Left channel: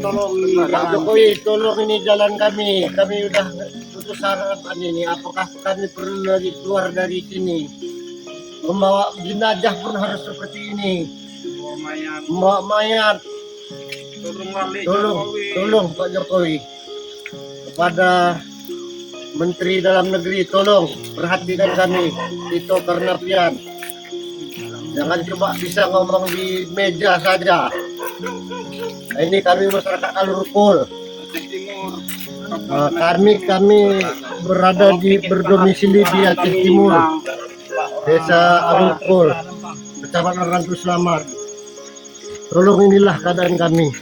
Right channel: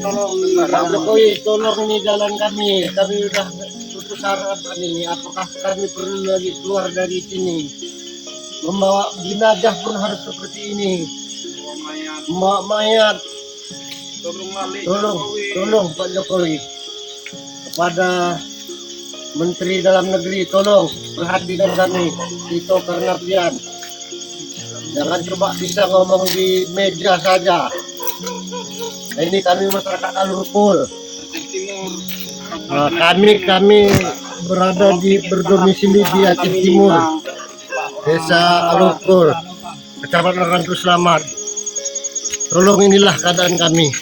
Pak Jokowi, tolong ini jalan kami. Kami udah putus harapan ini. Apakah kami perlu lagi keluar dari sini? Membawa jenazah pun harus seperti ini. Membawa mayat. Tolong Pak Jokowi. Kepada Menteri Dalam Negeri, tolong perhatikan kami. Itu karena pian. Jangan cuma bisa ngomong di meja saja. Nah, ini kami masyarakat Alurukul. Kami berada berdomisili di Aceh Timur, Desa Alurukul, Kecamatan Rantu Selamat. Tolong inilah keadaan kami.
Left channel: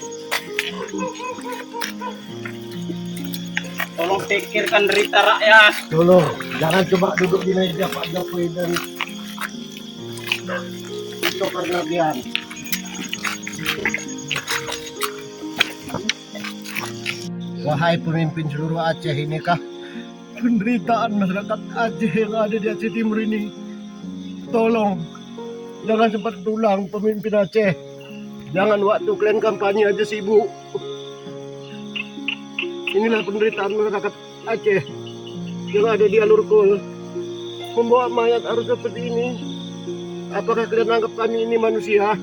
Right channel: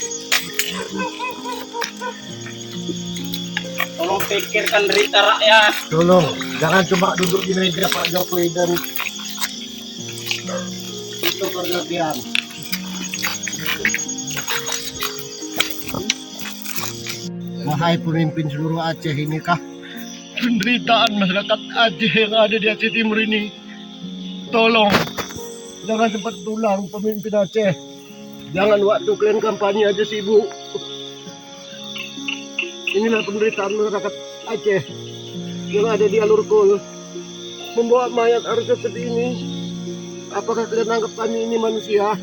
Tolong pikirkan derita rakyat. Tolong, jangan coba duduk di meja Pak Jokowi dan itu berlebihan. Wahai pemimpin seluruh Aceh, inikah penderitaan masyarakat Aceh yang ada di Aceh Timur ini? Tolong, jangan sempat tulang pemimpin Aceh. Jangan waktu kalian kampanye aja sibuk. Inilah penderitaan masyarakat Aceh yang ada di Alurukul. Membawa mayat harus seperti ini. Apakah kalian anggap kami ini manusia?